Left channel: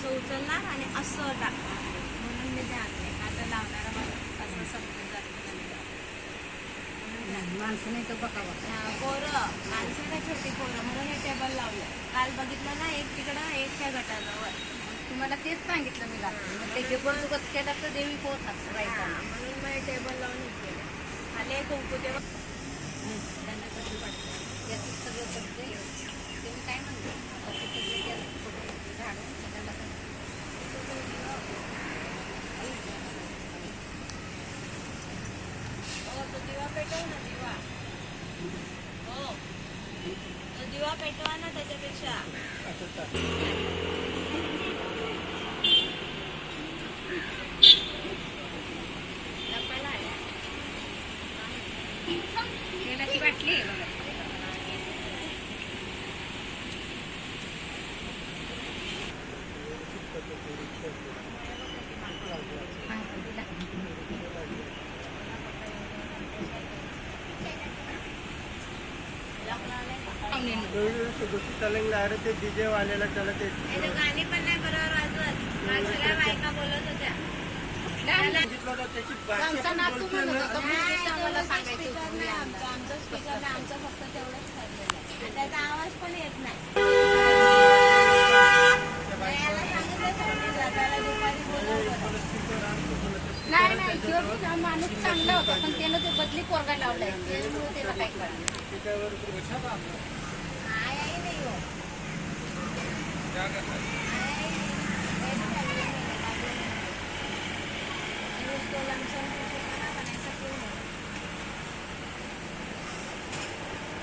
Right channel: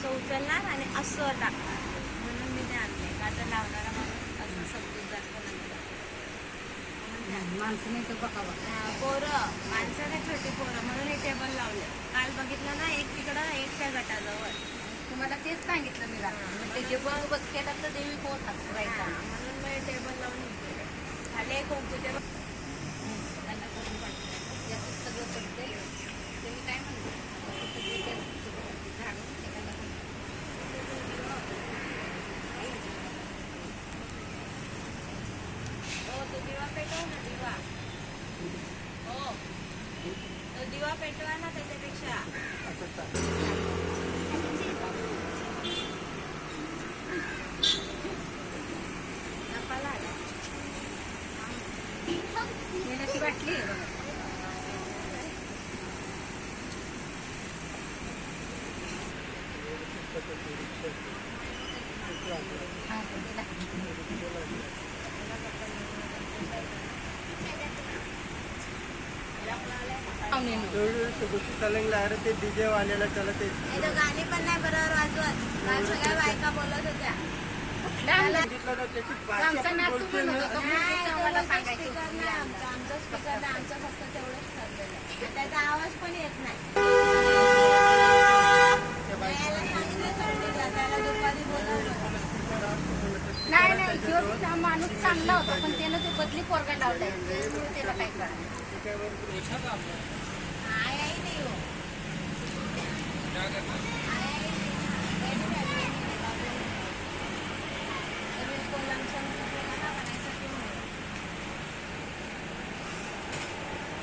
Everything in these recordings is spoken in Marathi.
असं उचलणार आणि असं टाकणार, म्हणून मी ते आणले. आता लावणारा माणूस असं समजून जास्त माणसं नाही तर बघावं. पोरं माणसं ना छोटी पोरं म्हणून हे टेबल लावलं. काल बघितलं ना, एक तिकडं एक त्या गटाजवळ. तुम्हाला तेच सांगितलं मी घालून ते बंदोबस्त केला तर देवी पोहोचतात राहायचा. म्हणून मग टेबल लावून हे केलं. खाली एक कुंकूचे त्यांना करून पडते याचं सगळं पडते. ते मी काय म्हणते आता ते सगळं केलं झाडून त्याला तो दिवा पेटव ना, दिवा. हो, तो दिवा पेटवा ना त्याच्यापेक्षा. तेलाची बाटली आहे बघा. गोष्टी चालंगला अरे ते डीजे वालेला चला ते गाणी पण नाही बरोबर वाजवत. काल सगळ्या बायका बोलत होत्या. आमचा नातू म्हणत होता, मुलगीचं आम्हाला सांगायचं होतं, मी आणलं. आमचं स्पीकर आमचं फक्त तेवढंच ठरलेलं आहे. आणि त्याचा आवाज पण येत नाही. याला सांगितलं तर त्याला दुपारी बोलवलं. नाही नाही जो माणूस चांगला होता पण त्यानं ते बदली पोरगा लावलाय त्याच्यामुळे त्याला काही कळलं. आई नाही हो.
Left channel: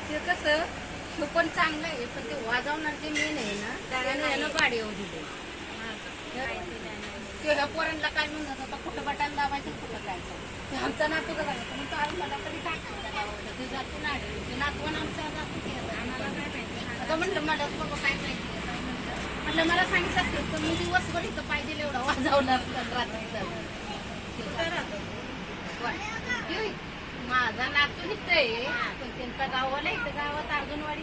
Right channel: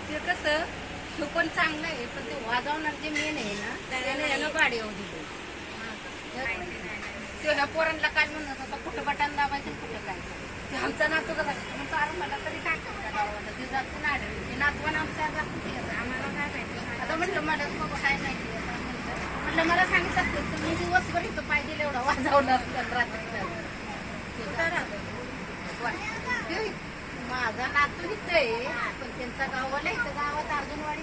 ते कसं तो पण चांगलं आहे पण ते वाजवणार जे मेन आहे ना त्याने यानं गाडी येऊ दिली. त्या पोरांना काय म्हणत होता कुठं बटाला लावायचं कुठं जायचं. आमचा नातू का जायचं मग तो मला तरी टाकायचा गावाला ते जातो ना ते नातवण आमच्या जातो ते आम्हाला काय माहिती. आता म्हणलं मला बाबा काय माहिती म्हटलं मला सांगितलं असतं तर मी दिवसभर इथं पाहिजे एवढा वाजवणार पण रात्री झालं. माझा नातू इथं आहे पण त्यांचा गावाला इथं गावात अर्जुनवाडी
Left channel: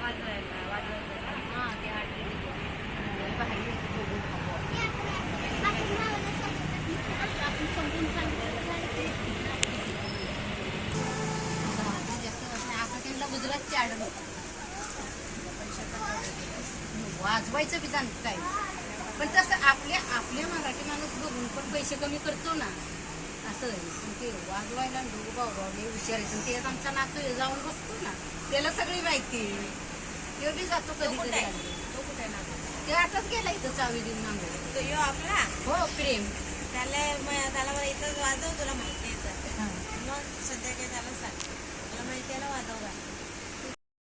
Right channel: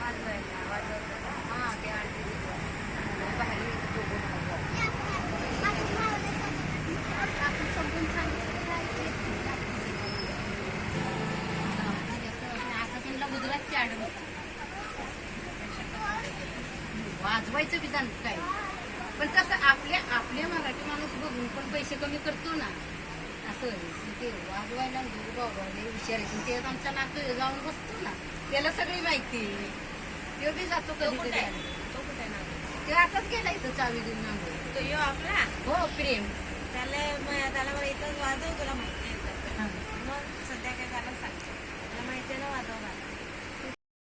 हा ते आपण समजून सांगितलं आता त्यांना गुजरातची आडम वाजवायचं विधान काय पण तसं आपल्या मराठी माणूस बघून पण पैसे कमी करतो ना असं ते वाजवायला भाऊ विचारायचं ते आमचा नातू जाऊन बसतो ना त्याला सगळी माहिती तो बी जातो कधीतरी. ते आताच गेला इथं चावी देऊन नांगो तो आपला हो प्रेम त्याला इथं वाजव तुला माहिती आहे. मग सध्या काही त्याला